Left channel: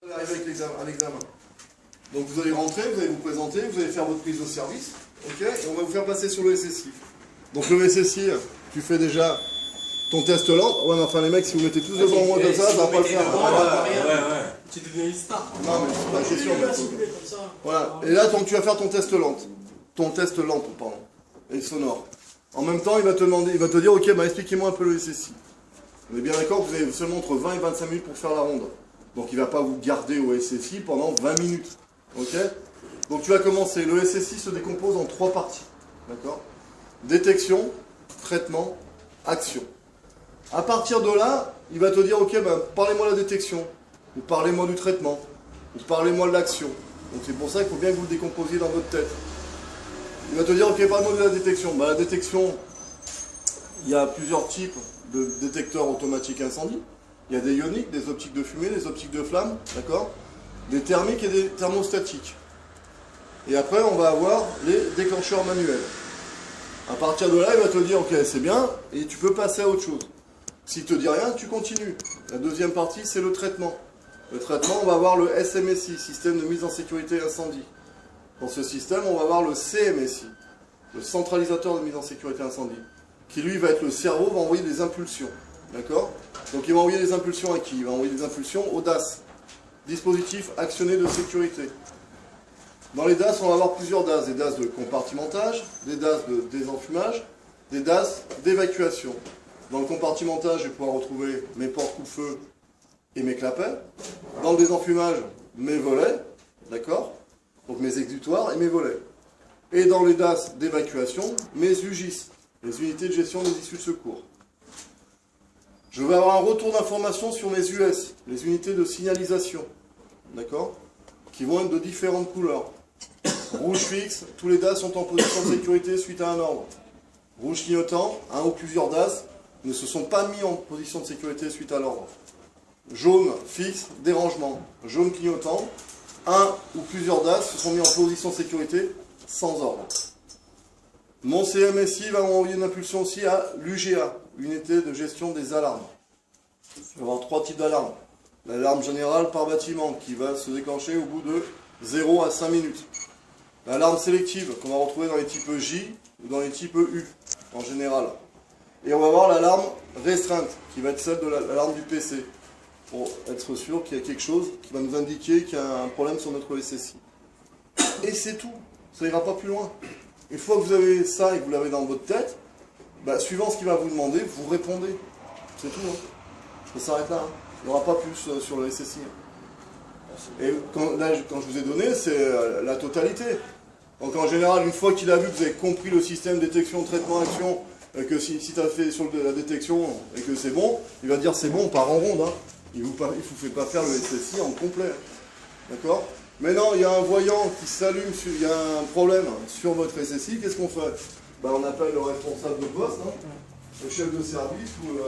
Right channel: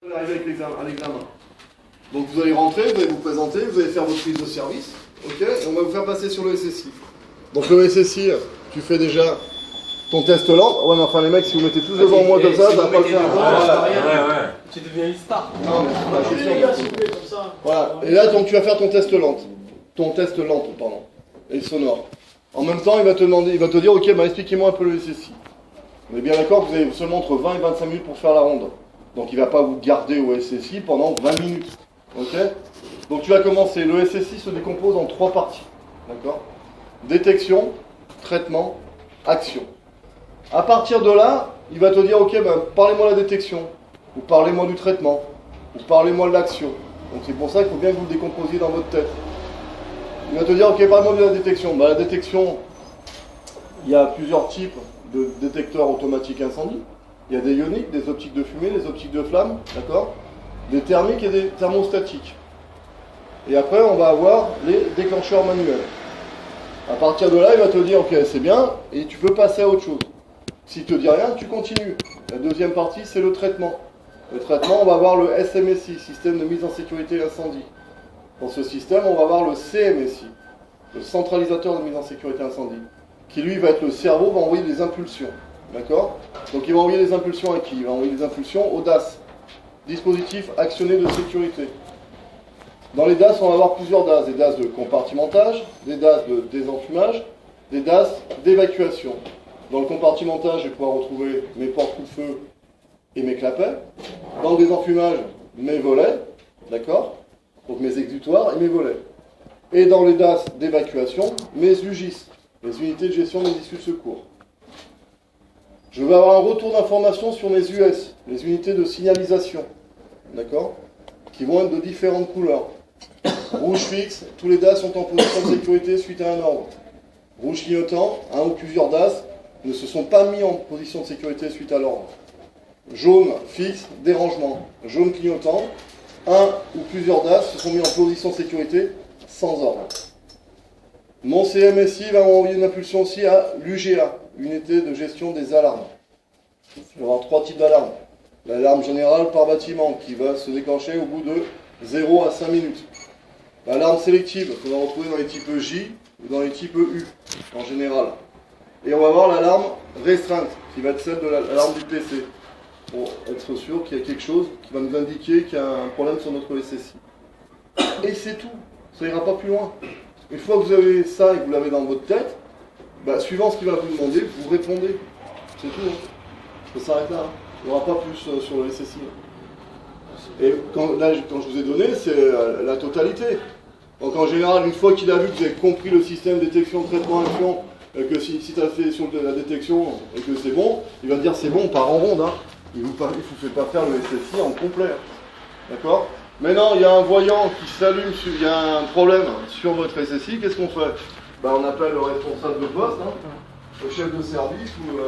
Vous arrivez avec à l'examen. Donc vous allez rentrer, vous allez vous présenter, vous allez faire votre prise de service, ok, et on va vous faire passer sur le SSI. Donc le SSI, tu fais déjà ton test lent. Ouais, mais enfin les mecs, si vous mettez tous devant moi comme ça, ça va pas le faire. Ouais. Tu deviens une star. Non, mais c'est pas question. Voilà. Et là, donc tu vas faire ton test lent. Ton test lent, pardon. Et sonore. En même temps, il va te demander, il va te dire, ok, bah expliquez-moi un peu le SSI. On est bien d'accord que vous avez seulement entre 20 et 25 minutes pour faire la ronde. Donc il ne va pas vous garder au SSI pendant 20 minutes. Ok? Donc tu vas commencer. Le SSI se décompose en 3 parties. D'accord? Détection, traitement, action. À partir de là, il va te dire, ok, ben, parlez-moi de la détection, ou parlez-moi du traitement, ou parlez-moi de l'action. Donc c'est pour ça qu'il faut bien que vous le décomposiez dans votre tête. Il va te dire, ok, parlez-moi de la détection. Ben, la détection, il y a plusieurs types de détecteurs automatiques incendie. Il y a des ioniques, des optiques de fumée, des optiques de flamme, d'accord? Des thermiques et des thermostatiques. Et après, on va avoir les déclencheurs manuels. À partir de là, il va te dire, ok, c'est bien, et tu peux passer à autre chose. S'il ne te dit rien, tu continues. La deuxième partie, c'est le traitement. Le traitement, on va avoir le SMSI, système de mise en sécurité incendie. Dans ce système, on va avoir le CMSI, le centralisateur de mise en sécurité incendie, qui lui va être le cerveau, va envoyer des impulsions. D'accord? Donc il va envoyer des impulsions à qui? Il va envoyer des impulsions au DAS, dispositif actionné de sécurité. Dans les DAS, on va avoir plusieurs DAS, des DAS de compartimentage, des DAS de désenfumage, des DAS d'évacuation. Dans le compartimentage, je vais pouvoir retrouver mes portes coup-de-feu et mes clapets. Dans le désenfumage, mes volets, d'accord? Donc mes exutoires et mes volets. Et dans les DAS d'évacuation, mes UGIS, les unités de gestion des issues de secours. Je vais avoir un retour d'information sur mes US, les unités de signalisation, d'accord? Qui vont être de différentes couleurs. Rouge fixe, tous les DAS sont en position de sécurité suite à un ordre. Rouge clignotant, un ou plusieurs DAS ne se sont pas mis en position de sécurité suite à l'ordre. Jaune fixe, dérangement. Jaune clignotant, un ou plusieurs DAS se sont mis en position de sécurité sans ordre. Mon CMSI va m'envoyer une impulsion aussi à l'UGA, unité de gestion des alarmes. Je vais avoir 3 types d'alarmes. L'alarme générale par bâtiment qui va se déclencher au bout de 0 à 5 minutes. L'alarme sélective qu'on va retrouver dans les types J ou dans les types U en général. Et on va avoir l'alarme restreinte qui va être celle de l'alarme du PC pour être sûr qu'il y a quelque chose qui va nous indiquer qu'il y a un problème sur notre SSI. Et c'est tout, ça ira pas plus loin. Une fois que vous avez ça et que vous l'avez dans votre tête, bah, suivant ce qu'il va vous demander, vous répondez. C'est tout. Hein. Ça s'arrête là. Hein. Il n'y aura pas plus sur le SSI. Et là, quand je vous ai donné, c'est la totalité. Donc en général, une fois qu'il a vu que vous avez compris le système détection, traitement, action, que si tu as fait sur la détection et que c'est bon, il va dire c'est bon, part en ronde. Hein. Il ne vous fait pas faire le SSI en complet. D'accord? Maintenant, il y a un voyant qui s'allume, il y a un problème sur votre SSI, qu'est-ce qu'on fait? Ben, on appelle le responsable de poste, hein, le chef de service ou